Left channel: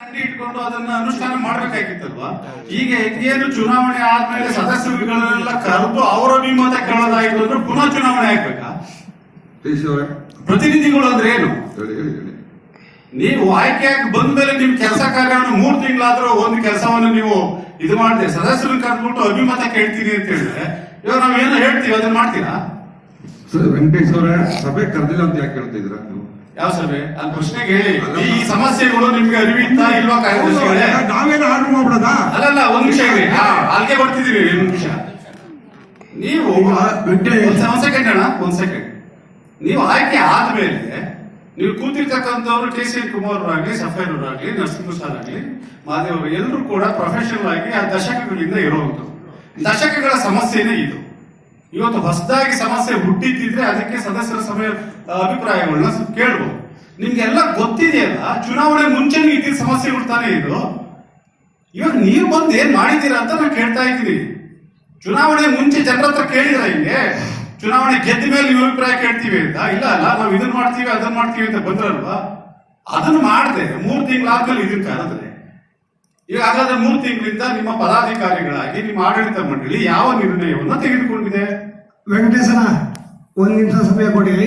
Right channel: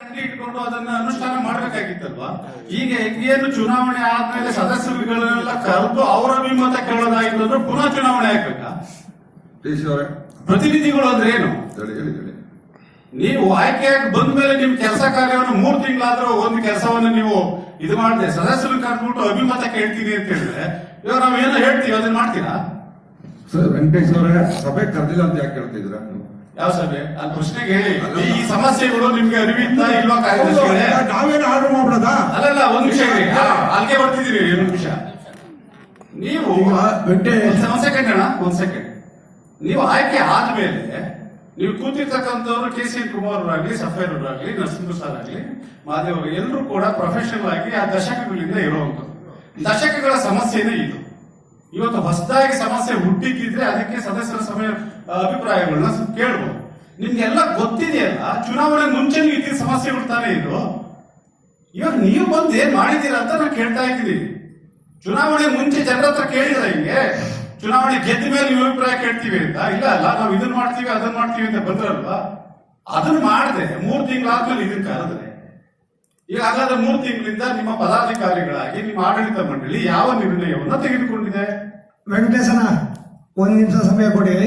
ಇಟ್ಕೊಂಡು ಅದನ್ನ ಅನುಷ್ಠಾನ ಮಾಡ್ಬೇಕಾಗಿತ್ತಲ್ವಾ? ಈಗ ಏನು ಚುನಾವಣೆ ಆದ್ಮೇಲೆ ಸದಸ್ಯರುಗಳನ್ನೆಲ್ಲ ಕರೆದು ಅವರ ಅಭಿಮತ ಕೇಳೋದಾಯ್ತು ಅಂದ್ರೆ ಪುನಃ ಚುನಾವಣೆ ಆಗ್ಬೇಕಾ. ಅವರೇ. ಪ್ರತಿನಿಧಿಗಳು ಅಂದ್ರೆ ಏನು? ಹೇಳಿ ಆಯ್ಕೆ ಹೇಳಿ. ನೀವು ಆಯ್ಕೆಯಾಗಿ ಬಂದ ಮೇಲೆ ನಿಮ್ ಕೆಲಸ ಕಾರ್ಯವನ್ನು ಮೂರ್ ತಿಂಗಳಾದ್ರೂ ಒಂದು ಕೆಲಸವನ್ನು ನೀವು ಇದು ಮಾಡಿದೆ ಸದಸ್ಯರು ಕರೆದ್ಬಿಟ್ಟು ಅಭಿಮತ ಕೇಳ್ತೀರಿ ಅಂತ ಹೇಳಿದ್ರೆ ಇವಾಗ ನಾವ್ ಏನೋ ಹೇಳ್ತೀವಿ ಅದನ್ನ ಮಾಡ್ತೀರಾ? ಸರ್ ವೆಂಕಟೇಶ್ ಅವರೇ ಸಭೆ ಕರೆದಿಲ್ಲ ಅಂತ ಯಾಕೆ ಹೇಳ್ತಾ ನೀವು ಯಾವ ಸಭೆ ಅಲ್ಲಿ ಪ್ರಶ್ನೆಗೆ ಹೇಳಿ. ಈ ಸಮಸ್ಯೆಗಳು ನಿಮ್ಗೆ ಅರಿವಿತ್ತಾ ಇಲ್ವಾ ಕಾರ್ಯದರ್ಶಿಗಳೇ? ನಾವೇನು ಆರ್ಡರ್ ಮಾಡ್ಬಿಡದ? ಅಲ್ಲಲ್ಲ ಒಂದ್ ನಿಮಿಷ ಇರಿ ಅಲ್ಲಿಗೆ ಬರ್ತಿದೀವಿ ಒಂದ್ ನಿಮಿಷ. ನೀವು ಒಂದ್ ಸೆಕೆಂಡ್ ಅಣ್ಣ ಒಂದ್ ಸೆಕೆಂಡ್ ನೀವು ಆಯ್ಕೆ ಆದ್ಮೇಲೆ ನೀವು ಕೂತಿರ್ತಕ್ಕಂಥವ್ರು ಕೆ ಸಿ ಕುಮಾರ್ ಆಗ್ಲಿ ಸಫೇರ್ ಆಗಲಿ ನರಸಿಂಹ ಸರ್ ಆಗ್ಲಿ ಮಾದೇವ್ ಅವರು ಎಲ್ಲರೂ ಕೂಡ ಪ್ರೊಫೆಷನಲ್ ಆಗಿ ಆ ದಶಕಗಳಿಂದ ಇರುವಂತದ್ದು ದಶಕಗಳ ಸಮಸ್ಯೆನೇ ಇದು. ಇವತ್ತು ಹೊಸದಾಗಿ ಸಮಸ್ಯೆ ಹುಟ್ಟಿದ್ದಿದ್ರೆ ಅದಕ್ಕೆ ಸದಸ್ಯರ ಸಭೆ ಅಭಿಪ್ರಾಯಗಳನ್ನ ಕೇಳ್ಬೋದು. ನಿಮ್ಗೆಲ್ಲ ಗೊತ್ತಿದೆಯಲ್ಲ, ಚುನಾವಣೆ ಮುಂಚೆ ಇದ್ದಿದ್ದ ಸಮಸ್ಯೆ ತಾನೇ ಇದು? ಇವಾಗ ನೀವು ಬಂದು ಏನ್ ಮಾಡಿದ್ದೀರಾ ಅಂತ ನಾನು ಕೇಳ್ತಾ ಇದ್ದೀನಿ. ಚುನಾವಣೆ ಮುಂಚೆ ಜನರ ಹತ್ರ ಕೇಳಿದ್ರ ಹಿಂಗೆ? ಚುನಾವಣೆ ಗೆದ್ದ ಮೇಲೆ ನೀವು ಅಭಿಪ್ರಾಯ ಕೇಳ್ತೀವಿ ಅಂತ? ಇಲ್ಲ, ಅಲ್ಲ, ನಾವು ಇದನ್ನ ಮಾಡ್ತೀವಿ ಅದನ್ನ ಮಾಡ್ತೀವಿ ಅಂತ ಬಂದ್ರಲ್ವಾ? ಅದನ್ನ ಮಾಡದೆ, ಮೂರು ತಿಂಗಳಾದ್ಮೇಲೆ ಇದಕ್ಕೆ ಕರೆದ್ರೆ ಈಗ ಹಾಗಾದ್ರೆ ಮೂರು ತಿಂಗಳಿಂದ ನಿಮ್ಮ ಪದಾಧಿಕಾರಿಗಳಾಗಿ ನಿಮ್ಮ ಆಡಳಿತ ಮಂಡಳಿ ಯಾವ ನಿರ್ಣಯವನ್ನು ತೆಗೆದುಕೊಂಡಿದೆ? ವೆಂಕಟೇಶನ, ಒಂದು ನಿಮಿಷ ಸಮಯ ಕೊಡಿ.